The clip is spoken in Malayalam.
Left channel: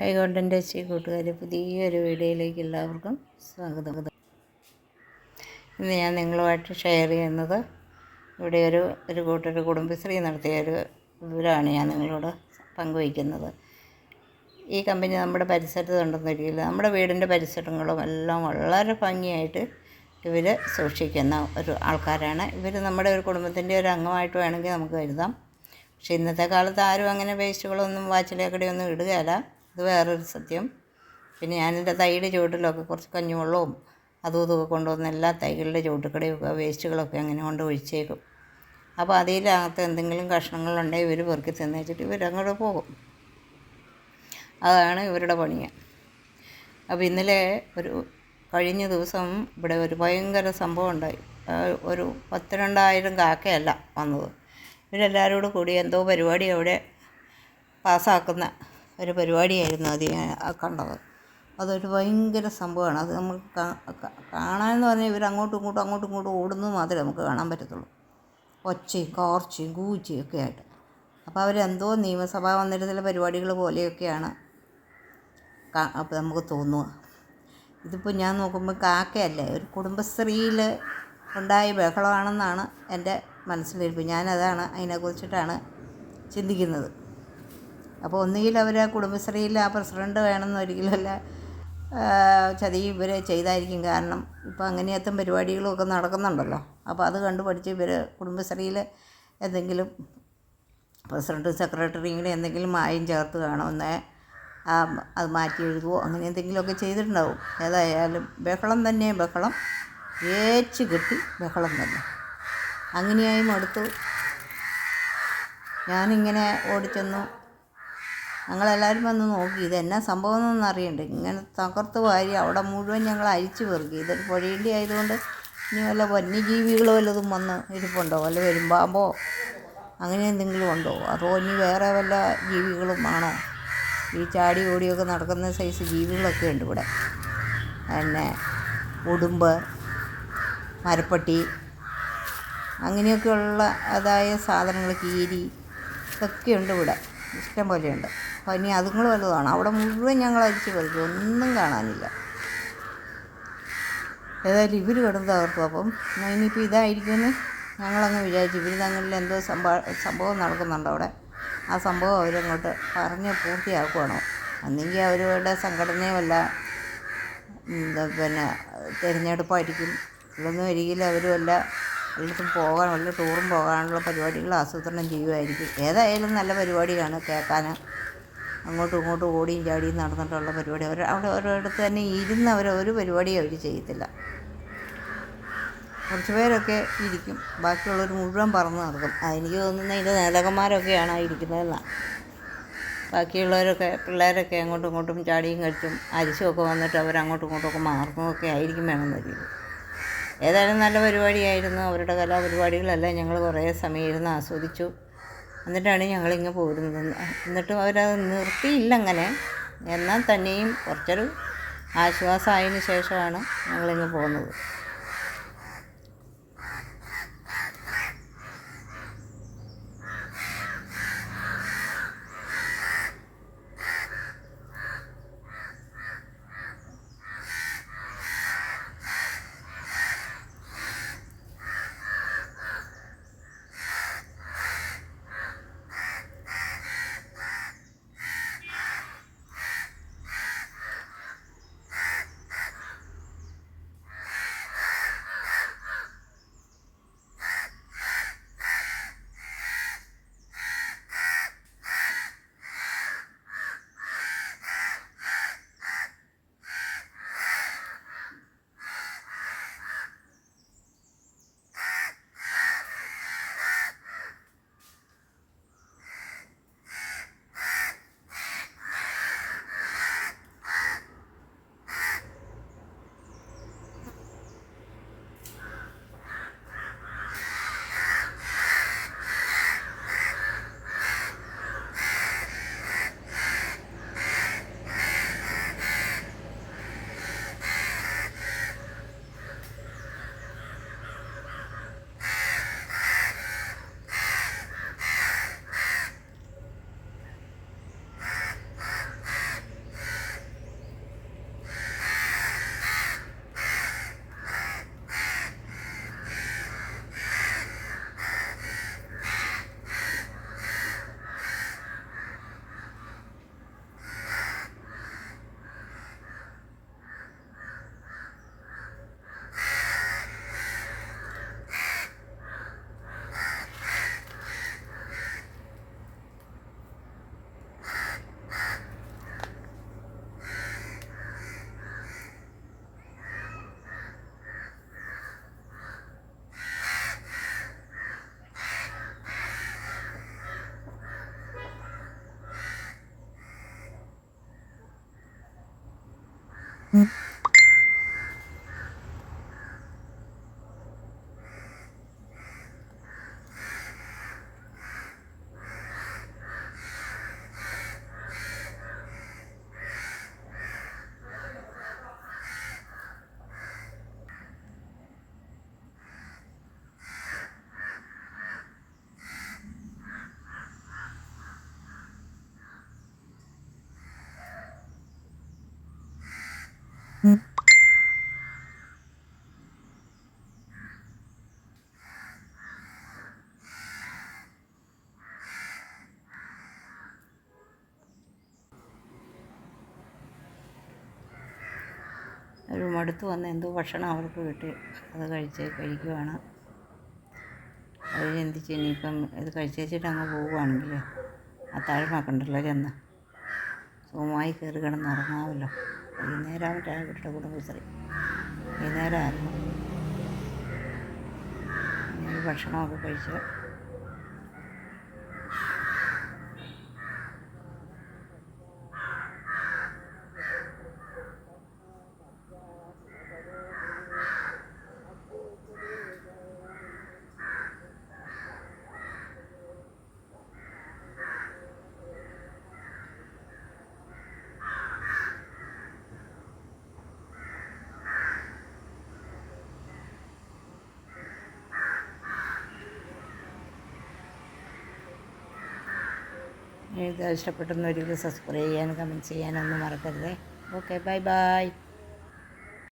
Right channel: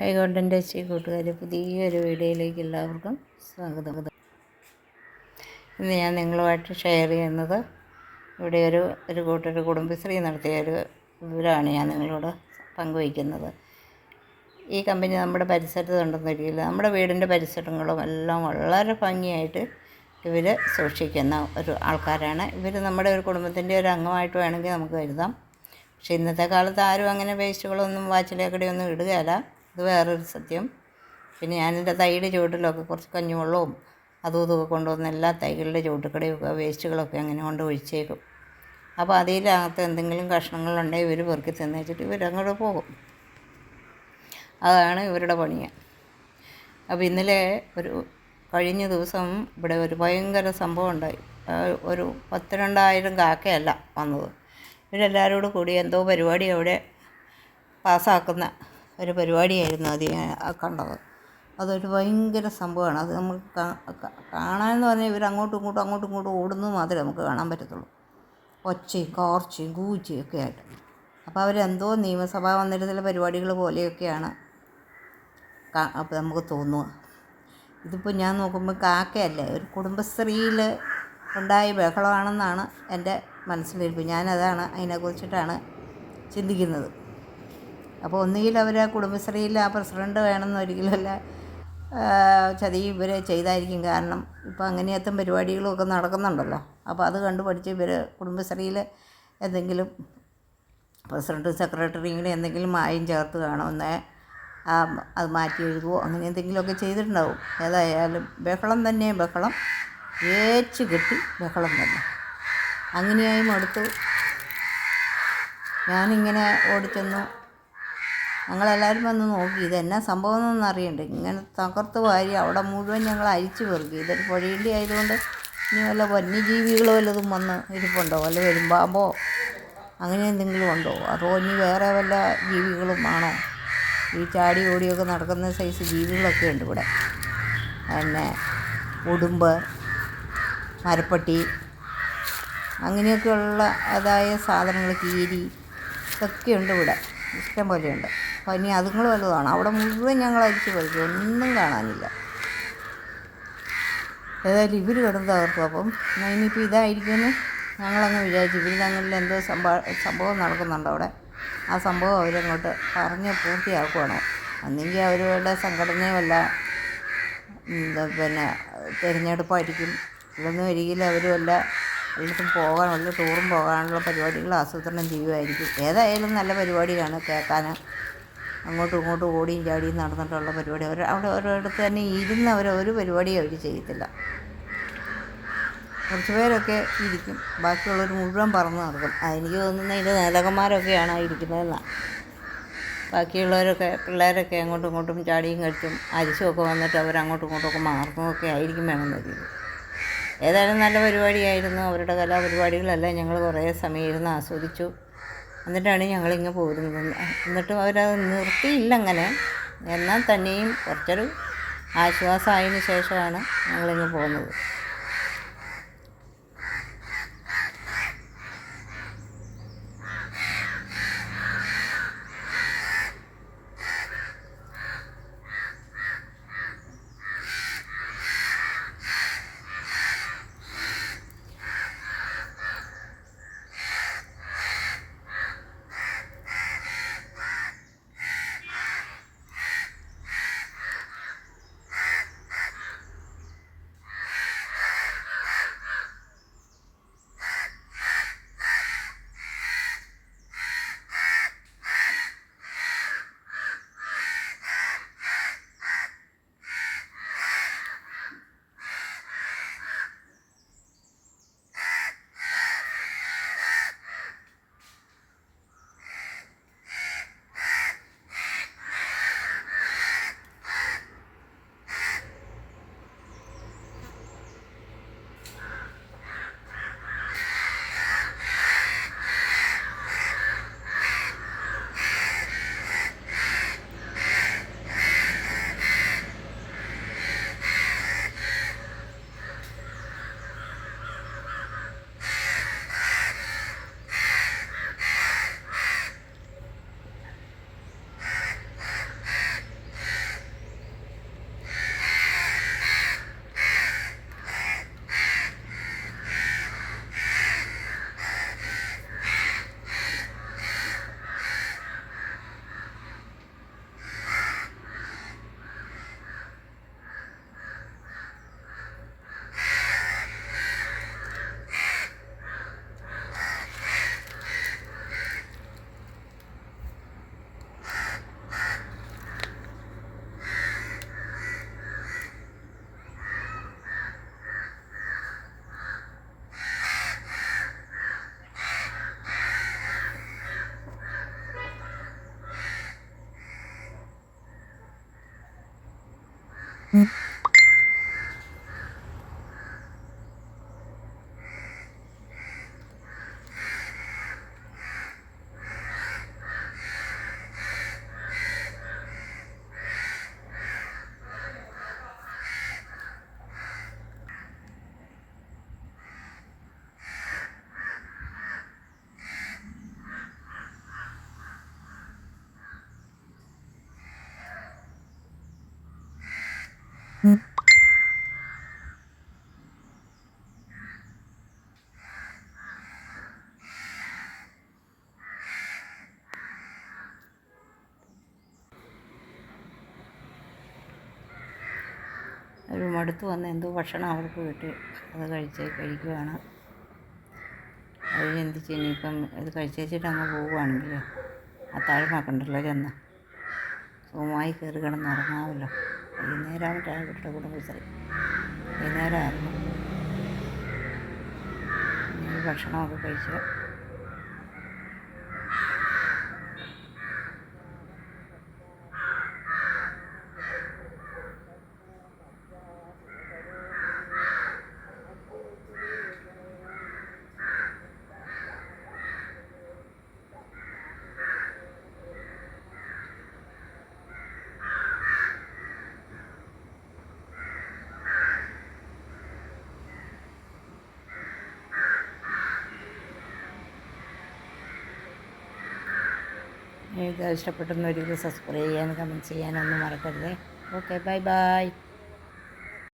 ഹൈക്കോട്ടൻ്റെ കൂട്ടുകാരെ, പുതിയൊരു വീഡിയോയിലേക്ക് എല്ലാവർക്കും സ്വാഗതം. ഇന്ന് ഞാൻ നിങ്ങളുമായിട്ട് ഷെയർ ചെയ്യുന്നത് ഇവിടെ ഒരു കൂട്ടർ കുടുംബശ്രീ നടത്തിയ ഒരു വിവരമാണ് ഞാൻ നിങ്ങളോട് പങ്കുവയ്ക്കുന്നത്. ഈ കമ്പനി നമ്മുടെ പരിസരത്ത് ഉണ്ടെന്നൊരിക്കലും നമ്മുടെ വീടിൻ്റെ പരിസരങ്ങളും എല്ലാം വളരെ ഭംഗിയായിട്ട് ഇവർ സൂക്ഷിക്കുന്ന ഒരു ആൾക്കാരാണ്. ഇവർ നമ്മുടെ ഒരു കുടുംബത്തിൻ്റെ ഒരു അംഗമായിട്ട് വേണമെങ്കിൽ നമുക്ക് കരുതാം. പക്ഷേ ഇന്നത്തെ കാലത്ത് ആരും അങ്ങനെ വേസ്റ്റുകളൊന്നും വാച്ചിലേക്കടിയൊന്നും ഇടുകയില്ല. ഇത് വേറൊരു സത്യം. പിന്നെ ഞാനെൻ്റെ തൈയുടെ ചുവട്ടിലൊക്കെ കുറച്ച് കഞ്ഞിവെള്ളവും അതും ഇതൊക്കെ കൊണ്ടുവന്ന് എല്ലാ തൈകളുടെ ചുവട്ടുകടയൊക്കെ വേസ്റ്റുകളൊക്കെ അങ്ങനെ കൊണ്ട് ഒഴിച്ചേക്കും. അപ്പോൾ അതിനകത്ത് എന്തെങ്കിലും കഷ്ണങ്ങളുണ്ടെങ്കിൽ ഇവർ പെറുക്കി തിന്നേച്ചിട്ട് ഇവരങ്ങോട്ട് പോകും. അതാണ് ഇവരുടെ പണിയ. അപ്പോൾ ഇന്നലെ കഴിഞ്ഞ ദിവസം ഇവിടെ ഒരു ഭയങ്കര സംഭവം ഉണ്ടായി. ഒരു 12,000 കാക്കയല്ല വന്നത്. ഇവരെല്ലാവരോടും കൂടി എന്തോ പരിപാടി അവിടെ പാസ്സാക്കുന്ന ഒരു പരിപാടിയായിരുന്നു അത് കണ്ടത്. അതൊരു ഭയങ്കര സംഭവമാണ്. അത് നമുക്ക് കാണാമെന്ന് പറഞ്ഞാൽ ഇവർ അങ്ങോട്ടും ഇങ്ങോട്ടും ഓടുന്നത് മാത്രമേ നമുക്ക് കാണാൻ പറ്റത്തുള്ളൂ. ഒച്ചയും കോർച്ചയും കൂച്ചയും ഒക്കെ ആയിട്ട്. അപ്പോൾ അവരെന്തോ നിയമസഭാ മന്ദിരത്തിലെ പരിപാടികൾ പോലെയൊക്കെയാണ് അപ്പോൾ നമുക്ക് തോന്നുക. ഇതിപ്പോൾ ഞാൻ നോക്കുമ്പോൾ കാക്കയല്ലേ, ഒരു കുടുംബശ്രീയിൽ ഉണ്ടായ ബഹളമാണെന്നാണ് എൻ്റെ മനസ്സിലിരിപ്പ്. ഞാനതാണ് അതിനെക്കുറിച്ചിട്ടാണ് ചിന്തിക്കുന്നത്. അപ്പോൾ ഒന്നുകിൽ അവർ ആ കുടുംബശ്രീയിൽ ആ പ്രസിഡൻറ്റ് വേണമെന്ന് ഒരിക്കലല്ല ചതി ഇവർ ചെയ്തായിരിക്കും. കാരണം ഇപ്പോൾ അങ്ങനെയത്തും പരിപാടികളുമൊക്കെ നടക്കുന്നുണ്ടല്ലോ. അപ്പോൾ അത് കണ്ടു പഠിച്ച് ഇവർ കുടുംബശ്രീയിൽ എന്തെങ്കിലും പ്രസിഡൻറ്റ് സെക്രട്ടറി ഇങ്ങനെ എന്തെങ്കിലും മായം ചേർത്ത് കാണുമെന്നേ അത് മാറ്റി എഴുതുമോ അങ്ങനെ എന്തെങ്കിലുമൊക്കെ ചെയ്തിട്ടുണ്ടാവും. ഏതായാലും ബഹളം തന്നെ, ബഹളം ഏച്ച് കെട്ടി ബഹളം തന്നെ. അങ്ങനെയായി മടുത്തു. ഞാനിങ്ങനെ ഓടിച്ചെന്നു. ഞങ്ങളെല്ലാവരും വന്ന് നോക്കി ഇതെന്നാ സംഭവം എന്നൊന്നും അറിയണ്ടേ. ഇങ്ങനെ തകർത്ത് വാരി അവിടെ മുഴുവൻ ഞങ്ങൾ അരിച്ചു പെറുക്കി. ഇതൊരു പുഴയിൻ്റെ ആയതുകൊണ്ട് ഇനി വല്ല വന്യജീവികളോ വല്ലതും വന്ന് ഇരിപ്പുണ്ടോ, വല്ല വരുമ്പാമ്പോ അങ്ങനെ എന്തെങ്കിലും ഉണ്ടോ, അതോ ഇനി വേറെ വല്ല ജീവികളും ആണോ? ഈ ചാടി ഓടിയൊക്കെ നടക്കുന്ന സൈസ് ജീവികളൊക്കെ ഉണ്ട് ഇവിടെ. പിന്നെ ഉടുമ്പ്, മരപ്പട്ടി അങ്ങനെയൊക്കെയുള്ള സാധനങ്ങൾ, കീരി ഇതൊക്കെ ഉണ്ട് ഇവിടെ, ഇഷ്ടം പോലെയുണ്ട്. അപ്പോൾ ഇനി അതുങ്ങൾ വല്ലതാണ്. അവിടെ മുഴുവൻ ഞങ്ങൾ അരിച്ച് പറിച്ചു, ഒന്നും കാണാനില്ല. ഏതായാലും ഇവർ കിടന്ന് തകർത്തു. അപ്പം ഇനിയിപ്പോൾ ഇതായിരിക്കുമെന്ന് ഞങ്ങളങ്ങ് വിചാരിച്ചു. ഇവർ തങ്ങളിൽ എന്തോ സംഭവം നടക്കുന്നുണ്ട് അവിടെ. ആ സംഭവം അവരങ്ങോട്ട് പറഞ്ഞ് പൂർത്തിയാക്കുവാണോ. അന്നെങ്കിൽ അവരുടെ സംഘടനയോ വല്ല പിന്നെ തിരഞ്ഞെടുപ്പായിരിക്കും. ഇതൊന്നും ഒരിക്കലും അവർ എല്ലായിടത്തും വല്ല ടൂറും പോകാനുള്ള പരിപാടികൾ ആസൂത്രണം ചെയ്യുമായിരിക്കും. ഏതായാലും നല്ല പരിപാടിയാണ് കേൾക്കാൻ. അങ്ങോട്ടും ഓടിയും ചാടിയും നടന്നിട്ടുള്ള പരിപാടി. അവിടെ ഓരോരിടത്ത് തന്നെ ഇരുന്ന് ഒരു പരിപാടിയും അവർ ചെയ്യത്തില്ല. കുറച്ച് പേരൊക്കെ ഇരിക്കും, ബാക്കിയുള്ളവർ മുഴുവൻ പറന്ന് നടക്കും. അതെനിക്ക് തോന്നുന്നത് ഇതിൻ്റെ നേതാക്കന്മാരൊക്കെയാണ് ഇരിക്കുന്നതെന്നാണ്. ബാക്കിയുള്ളവരൊക്കെ പിള്ളേരൊക്കെ അങ്ങോട്ടും ചാടിയും കളിച്ചും അരിച്ചുമൊക്കെ വന്നിട്ട് അവരങ്ങോട്ടും ഇങ്ങോട്ടുമൊക്കെ മാറുന്നതൊക്കെ ആയിരിക്കും വേണമെന്നൊരിക്കും. ഏതായാലും നല്ല പരിപാടിയായിരുന്നു. അവരുടെ കലാപരിപാടികളെല്ലാം ഞങ്ങൾ കുറേ സമയം ഇരുന്ന് ആസ്വദിച്ചു. എന്നിട്ടാണ് ഞങ്ങളിങ്ങ് പോരുന്നത്. എന്നിട്ടും അവരത് നിർത്തിയില്ല അങ്ങനെ. എന്നാൽ തന്നെയും കുറച്ചൊരു ആശ്വാസമായതിന് ശേഷമാണ് ഞങ്ങളിങ്ങ് പോകുന്നത്. ഒരു മടുത്ത് വന്ന് എന്തോ ഭക്ഷണം അവർക്ക് കിട്ടി, അത് കഴിക്കുവാണ്. അത് ചിന്തിച്ച് ഇനിയിപ്പം ഇത് കഴിച്ചേച്ചിട്ട് അങ്ങ് പോവുകയാണെങ്കിൽ അത്താഴമാക്കണ്ടല്ലോ ചെന്ന് സുഖമായി കയറി കിടന്നുറങ്ങാമല്ലോ. വൈകുന്നേരമായിട്ട് അവരുടെ കുടുംബശ്രീ വൈകുന്നേരമായിരുന്നു. ഇനി ഭക്ഷണമൊക്കെ കഴിച്ച് ഇത് ഇഷ്ടപ്പെട്ടെന്ന് ഒരിക്കലും സബ്സ്ക്രൈബ് ചെയ്യാനും കമൻറ്റ് ചെയ്യാനൊന്നും മറക്കരുത്. Okay, bye bye.